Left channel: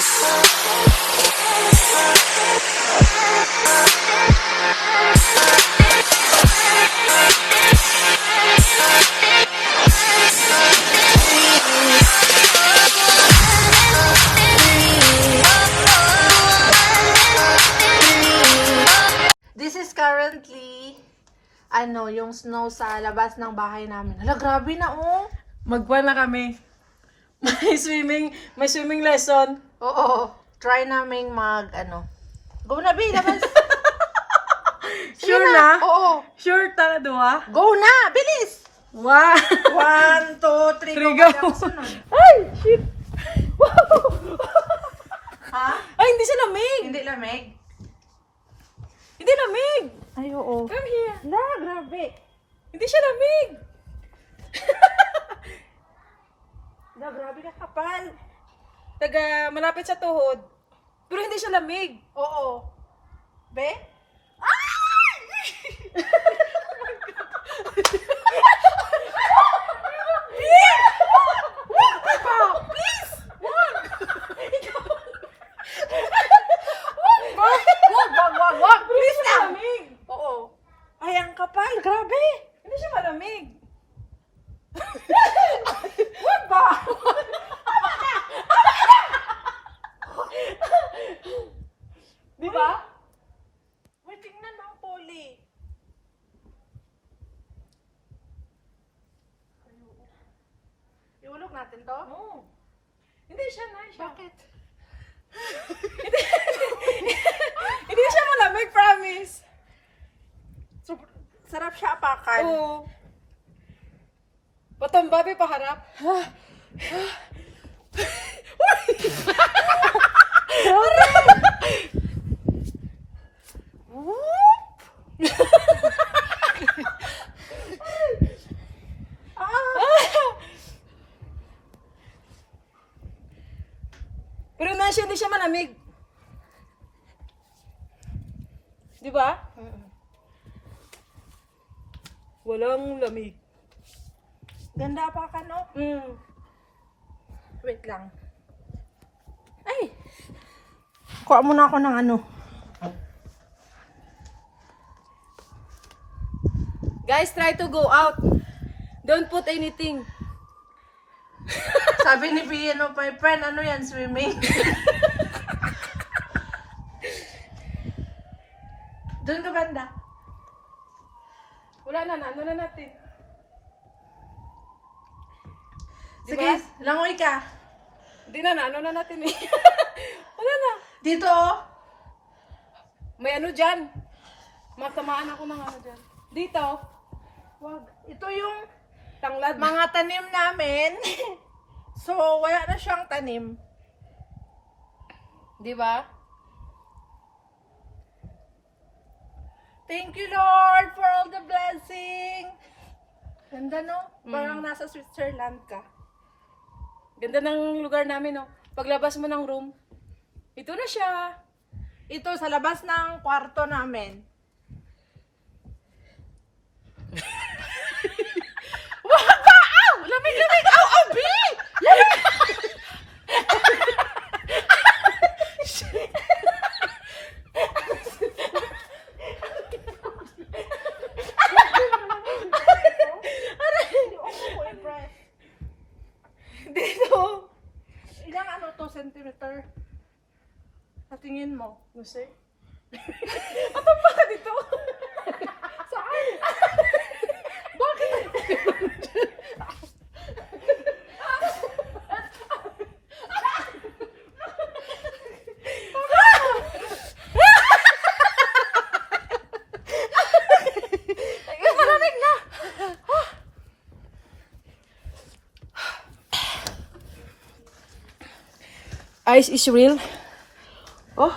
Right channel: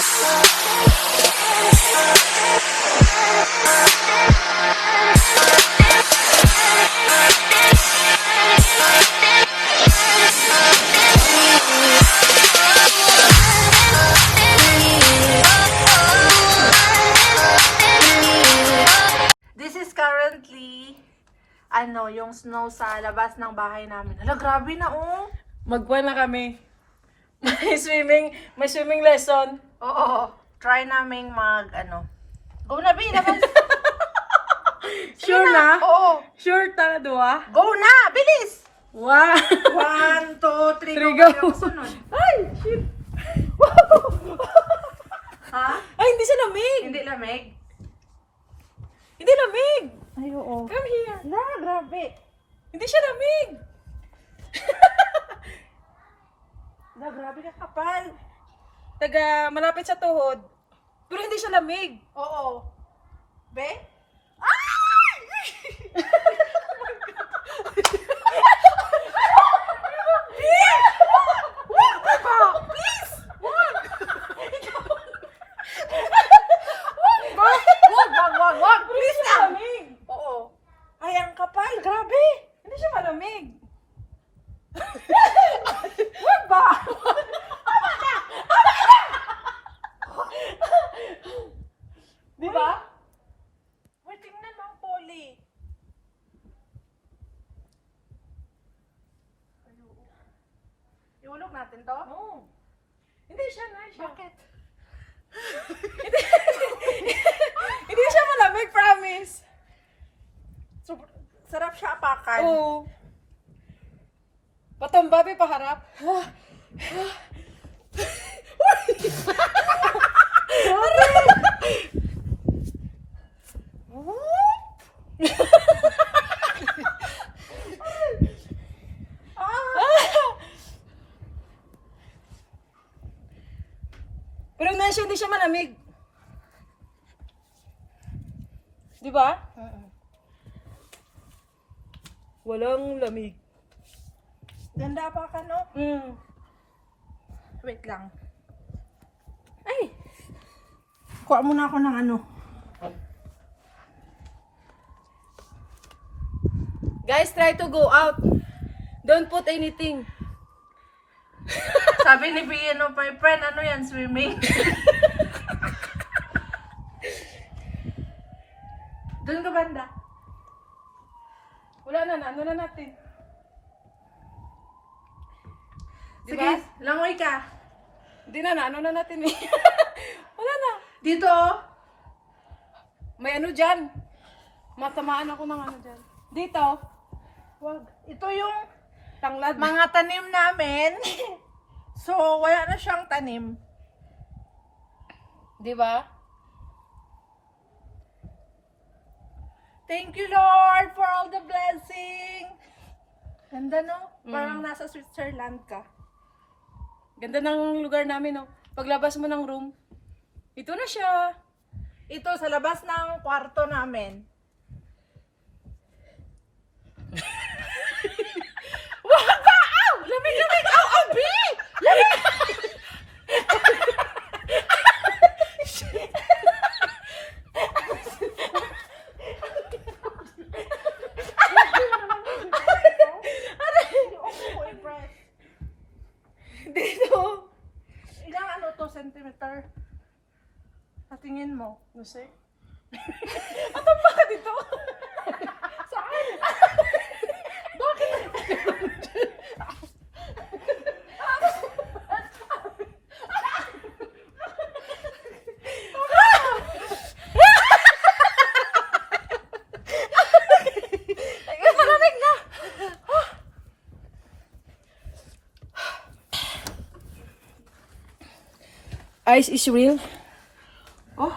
This is currently yung snow sa labas ng bahay namin. Hala, grabe na Magpa na kami. May swimming lesson. Oo. Try naming Go na, B, naman. Sure na? Oo. Sure ta, dua? Go na, bilis! Wow! 1, 2, 3, Three, go. go. Ako sunod. Ay! Shit! Ha? Ay, hindi siya lamig! Hindi lamig? Hindi lamig! Ay, oo. Come here! Hala, grabe. Hindi siya lamig! Hala, grabe ka kapal. Taga malapit sa tuhod. Pero hindi siya lamig. Oo. Be? Wag! Please Hindi siya lang! malamig. Oo. Ay, ang kapal. Grabe. Hindi siya malamig. Wag ba? Di ba? Uy, tingnan mo ang poly. Iulog natin to? Oo. Hindi siya nice. Bakit? Hindi siya malamig, promise. Sarap siya apakan. Oo. Patumbabi paharap. Pero Nansya, hindi siya malamig. Di ba? Walang lamig. Ganda apakan, no? Wait lang. Ay! Kuha muna ako ng Guys, try to go out. Don't put anything. Sabi ni Piano Pipen, yan, swimming? Doon ka banda. Wala na, ano na natin. Di Sige, ba? langoy ka. Hindi na, ano na natin eh. Wala na. Dito, May ano dyan. Matamaan ako ng ano dyan. Dito. Wag. Ito yung Tanglad. mga tanim namin. So, wala na siyang tanim. Di ba? Thank you, Lord, for all the blessing. Ganda, no? Parang nasa Switzerland ka. Ganda ng lugar namin, no? Paglabas mo ng room, ito na siya. Ito, sa labas ng kwarto namin. Wag ba? Aw! Lamig! Aw! Aw! B! Lamig! Dito. Ilang centimeter? Sa tingin mo? No, sir. Atong baka dito. Saan? Bakit? Malamig na. Ice is real. Oh.